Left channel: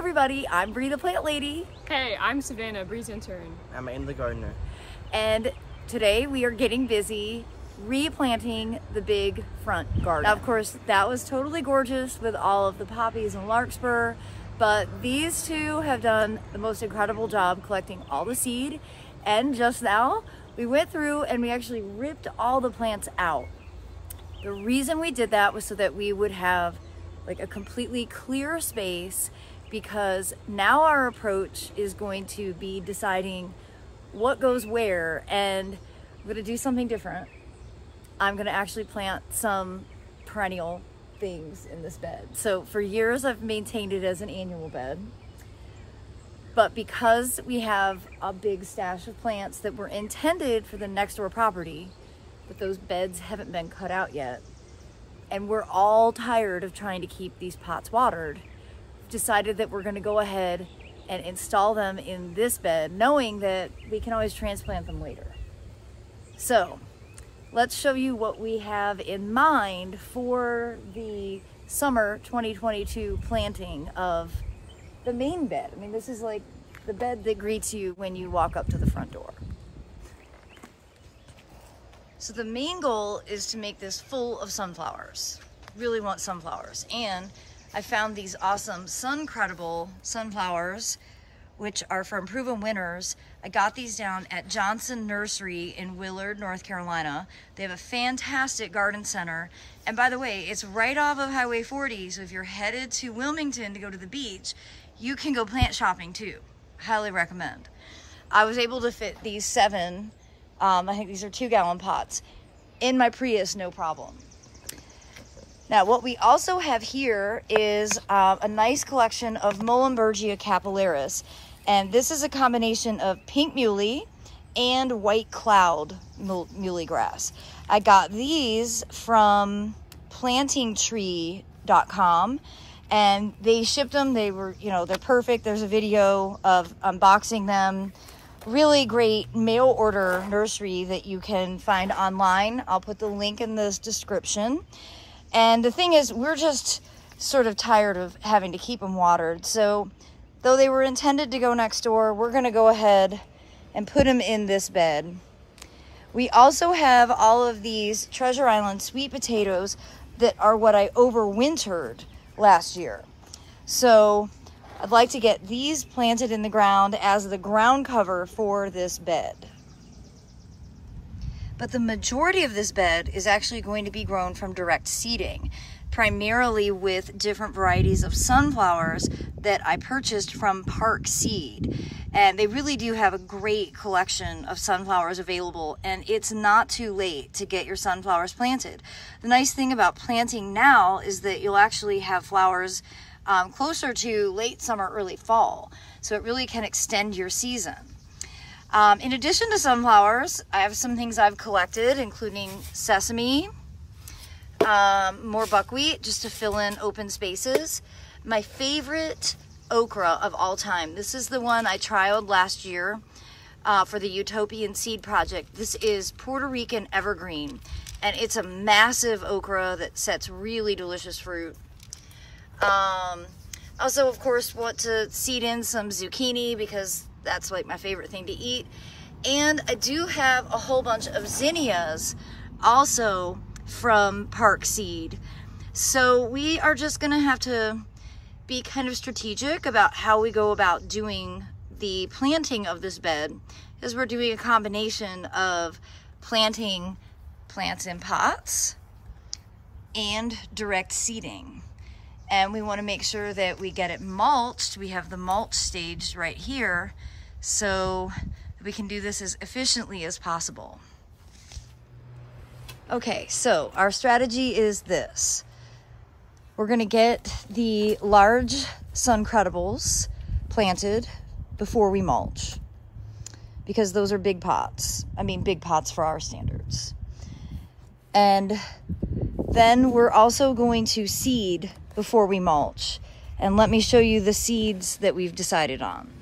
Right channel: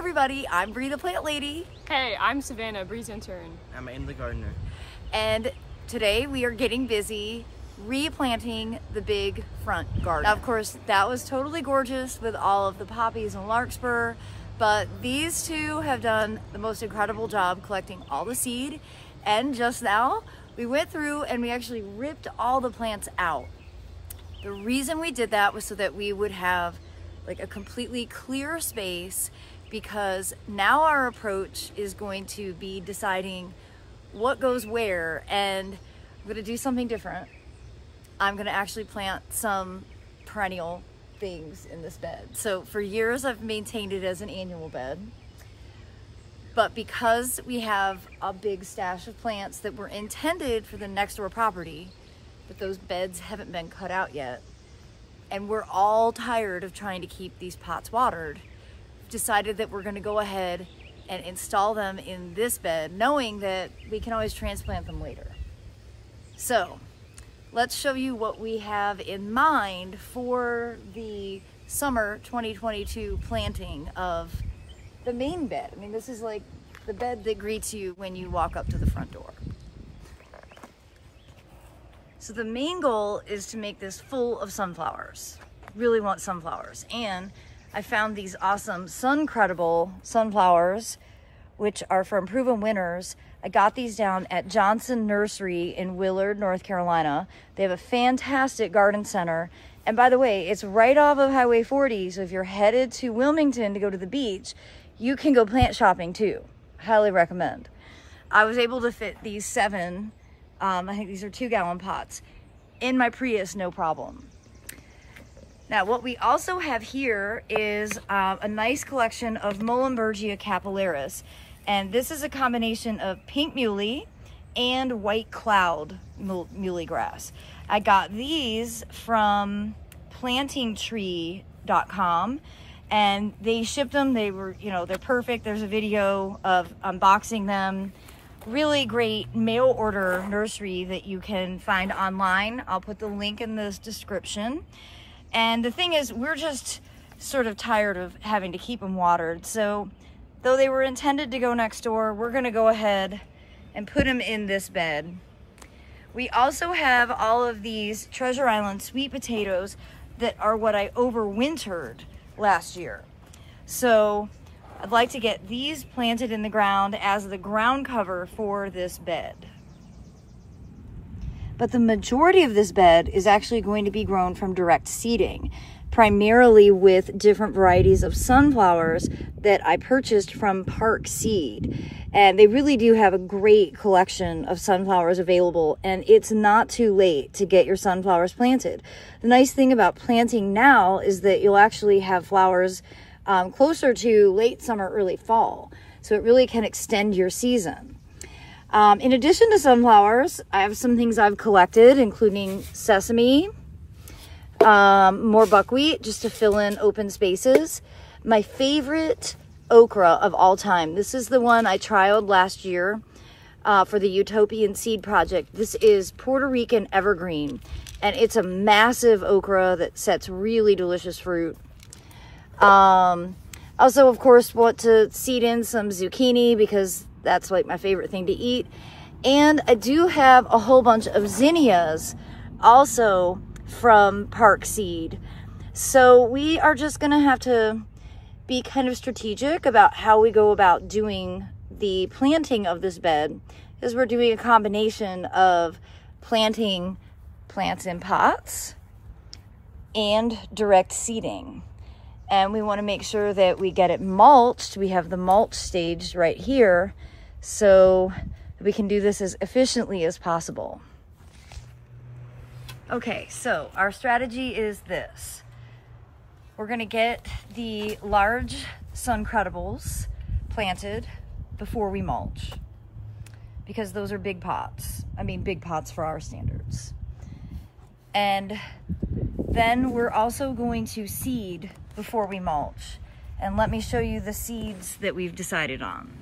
everybody, I'm Bree the Plant Lady. Hey, I'm Savannah, Bree's intern. I'm in the gardener. And today we are getting busy replanting the big front garden. Now, of course, that was totally gorgeous with all of the poppies and larkspur, but these two have done the most incredible job collecting all the seed. And just now, we went through and we actually ripped all the plants out. The reason we did that was so that we would have like a completely clear space, because now our approach is going to be deciding what goes where, and I'm gonna do something different. I'm gonna actually plant some perennial things in this bed. So for years I've maintained it as an annual bed, but because we have a big stash of plants that were intended for the next door property, but those beds haven't been cut out yet, and we're all tired of trying to keep these pots watered, we've decided that we're gonna go ahead and install them in this bed, knowing that we can always transplant them later. So let's show you what we have in mind for the summer 2022 planting of the main bed. I mean, this is like the bed that greets you when you walk up to the front door. So the main goal is to make this full of sunflowers. Really want sunflowers. And I found these awesome sun-credible sunflowers, which are from Proven Winners. I got these down at Johnson Nursery in Willard, North Carolina. They have a fantastic garden center. And by the way, it's right off of Highway 40. So if you're headed to Wilmington to go to the beach, you can go plant shopping too. Highly recommend. I was able to fit these 7, I think these are 2-gallon pots, in my Prius, no problem. Now, what we also have here is a nice collection of Muhlenbergia capillaris. And this is a combination of pink muley and white cloud muley grass. I got these from plantingtree.com, and they shipped them. They were, you know, they're perfect. There's a video of unboxing them. Really great mail order nursery that you can find online. I'll put the link in this description. And the thing is, we're just sort of tired of having to keep them watered. So though they were intended to go next door, we're gonna go ahead and put them in this bed. We also have all of these Treasure Island sweet potatoes that are what I overwintered last year. So I'd like to get these planted in the ground as the ground cover for this bed. But the majority of this bed is actually going to be grown from direct seeding, primarily with different varieties of sunflowers that I purchased from Park Seed. And they really do have a great collection of sunflowers available, and it's not too late to get your sunflowers planted. The nice thing about planting now is that you'll actually have flowers closer to late summer, early fall. So it really can extend your season. In addition to sunflowers, I have some things I've collected, including sesame, more buckwheat, just to fill in open spaces. My favorite okra of all time. This is the one I trialed last year for the Utopian Seed Project. This is Puerto Rican evergreen, and it's a massive okra that sets really delicious fruit. Also, of course, want to seed in some zucchini because that's like my favorite thing to eat. And I do have a whole bunch of zinnias also from Park Seed. So we are just gonna have to be kind of strategic about how we go about doing the planting of this bed, because we're doing a combination of planting plants in pots and direct seeding. And we want to make sure that we get it mulched. We have the mulch staged right here so we can do this as efficiently as possible. Okay, so our strategy is this. We're gonna get the large sun-credibles planted before we mulch, because those are big pots. I mean, big pots for our standards. And then we're also going to seed before we mulch. And let me show you the seeds that we've decided on.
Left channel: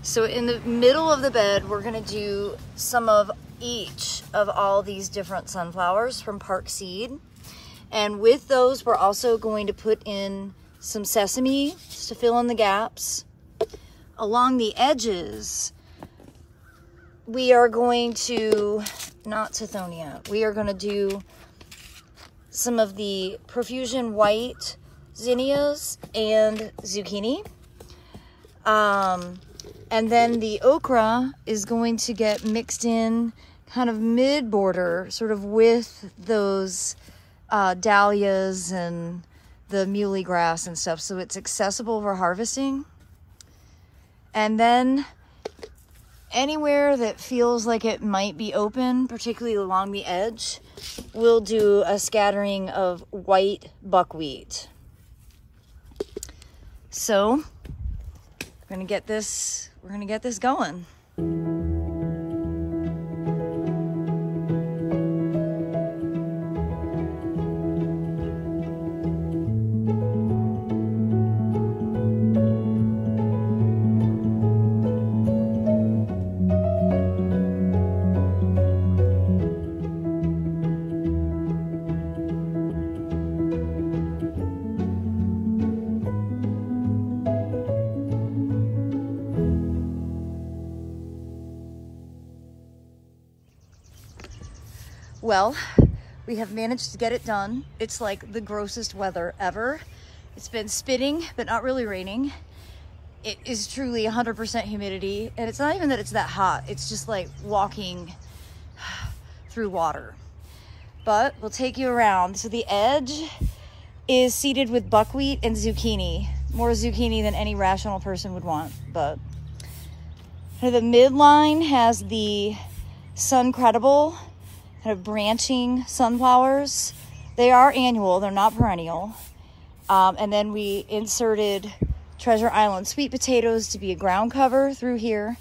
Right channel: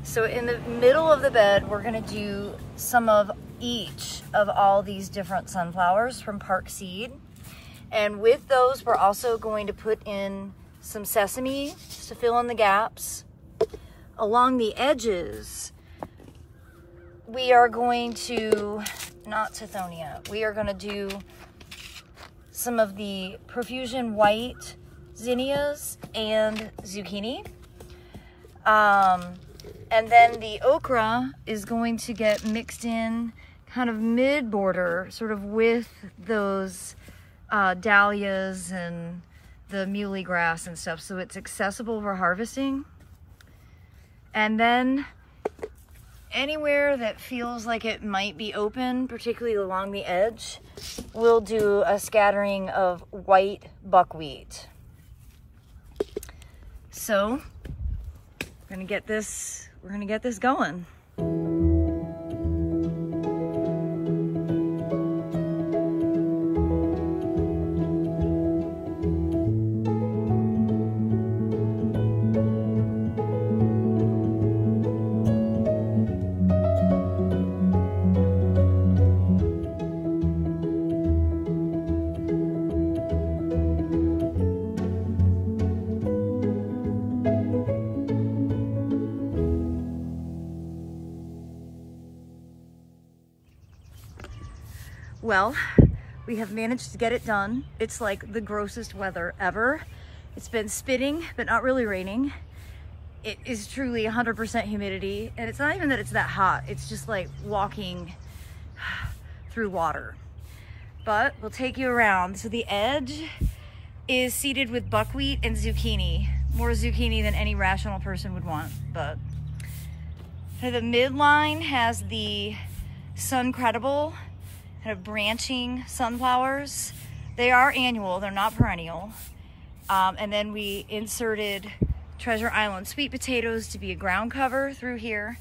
So in the middle of the bed, we're gonna do some of each of all these different sunflowers from Park Seed. And with those, we're also going to put in some sesame just to fill in the gaps. Along the edges, we are going to, not Tithonia, we are going to do some of the Profusion White zinnias and zucchini. And then the okra is going to get mixed in kind of mid-border, sort of with those dahlias and the muley grass and stuff, so it's accessible for harvesting. And then anywhere that feels like it might be open, particularly along the edge, we'll do a scattering of white buckwheat. So we're gonna get this going. Well, we have managed to get it done. It's like the grossest weather ever. It's been spitting, but not really raining. It is truly 100% humidity. And it's not even that it's that hot. It's just like walking through water. But we'll take you around. So the edge is seeded with buckwheat and zucchini. More zucchini than any rational person would want. But the midline has the Suncredible kind of branching sunflowers. They are annual, they're not perennial. And then we inserted Treasure Island sweet potatoes to be a ground cover through here.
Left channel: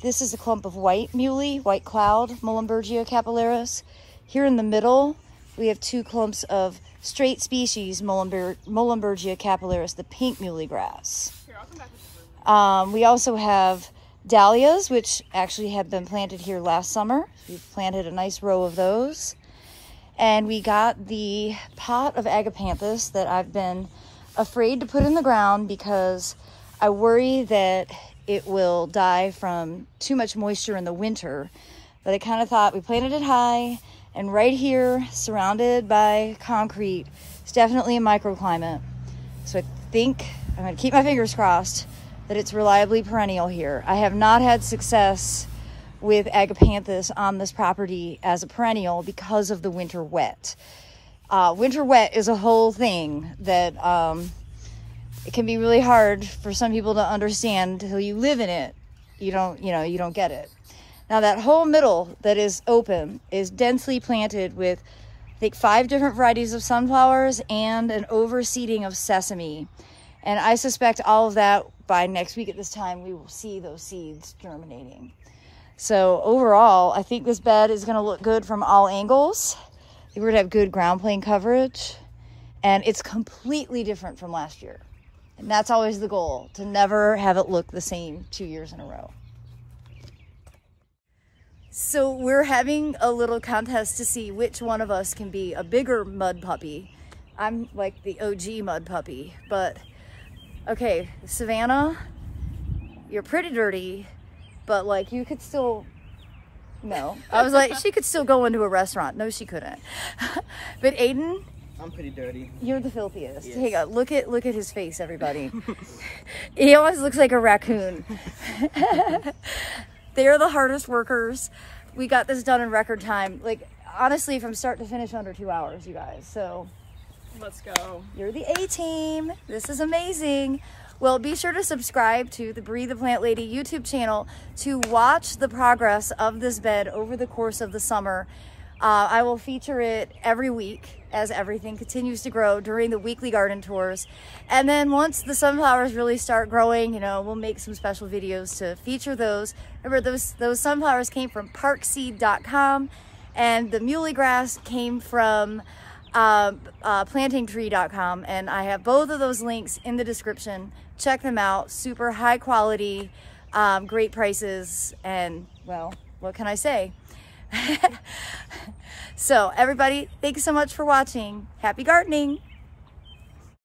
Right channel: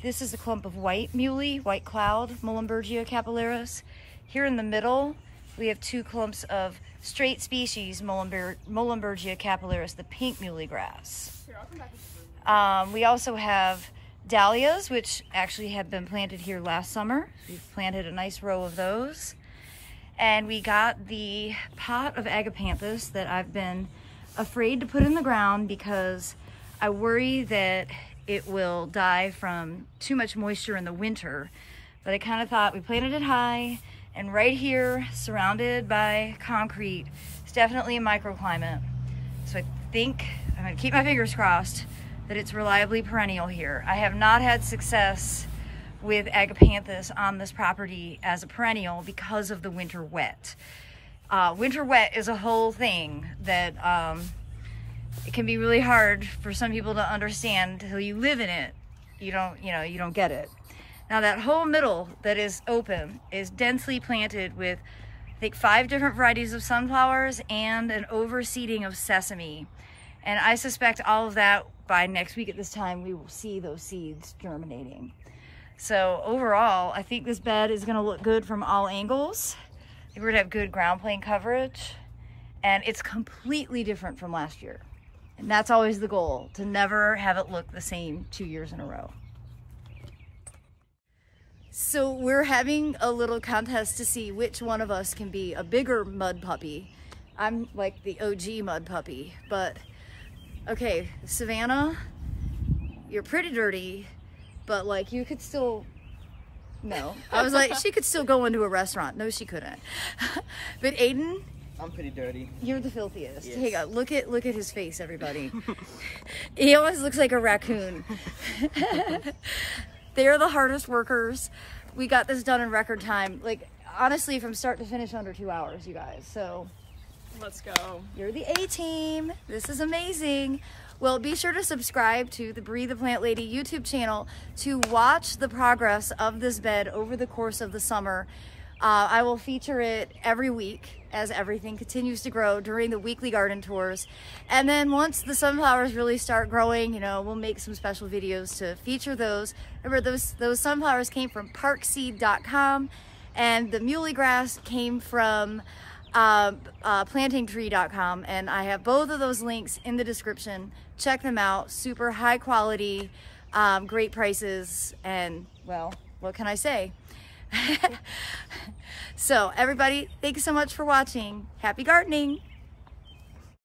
This is a clump of white muley, white cloud, Muhlenbergia capillaris. Here in the middle, we have two clumps of straight species, Muhlenbergia capillaris, the pink muley grass. Here, I'll come back with the broom. We also have Dahlias, which actually had been planted here last summer. We've planted a nice row of those. And we got the pot of agapanthus that I've been afraid to put in the ground because I worry that it will die from too much moisture in the winter. But I kind of thought we planted it high, and right here, surrounded by concrete, it's definitely a microclimate. So I think I'm gonna keep my fingers crossed that it's reliably perennial here. I have not had success with agapanthus on this property as a perennial because of the winter wet. Winter wet is a whole thing that it can be really hard for some people to understand until you live in it. You don't get it. Now that whole middle that is open is densely planted with, I think, 5 different varieties of sunflowers and an overseeding of sesame. And I suspect all of that by next week at this time, we will see those seeds germinating. So overall, I think this bed is gonna look good from all angles. We're gonna have good ground plane coverage, and it's completely different from last year. And that's always the goal, to never have it look the same 2 years in a row. So we're having a little contest to see which one of us can be a bigger mud puppy. I'm like the OG mud puppy, but okay, Savannah, you're pretty dirty, but like you could still, no. I was like, she could still go into a restaurant. No, she couldn't. But Aiden, I'm pretty dirty. You're the filthiest. Yes. Hey, look at his face, everybody. He almost looks like a raccoon. They're the hardest workers. We got this done in record time. Like, honestly, from start to finish, under 2 hours, you guys. So Let's go. you're the A-team. This is amazing. Well, be sure to subscribe to the Breathe the Plant Lady YouTube channel to watch the progress of this bed over the course of the summer. I will feature it every week as everything continues to grow during the weekly garden tours. And then once the sunflowers really start growing, you know, we'll make some special videos to feature those. Remember, those sunflowers came from parkseed.com, and the muley grass came from plantingtree.com, and I have both of those links in the description. Check them out. Super high quality, great prices, and well, what can I say? So everybody, thank you so much for watching. Happy gardening.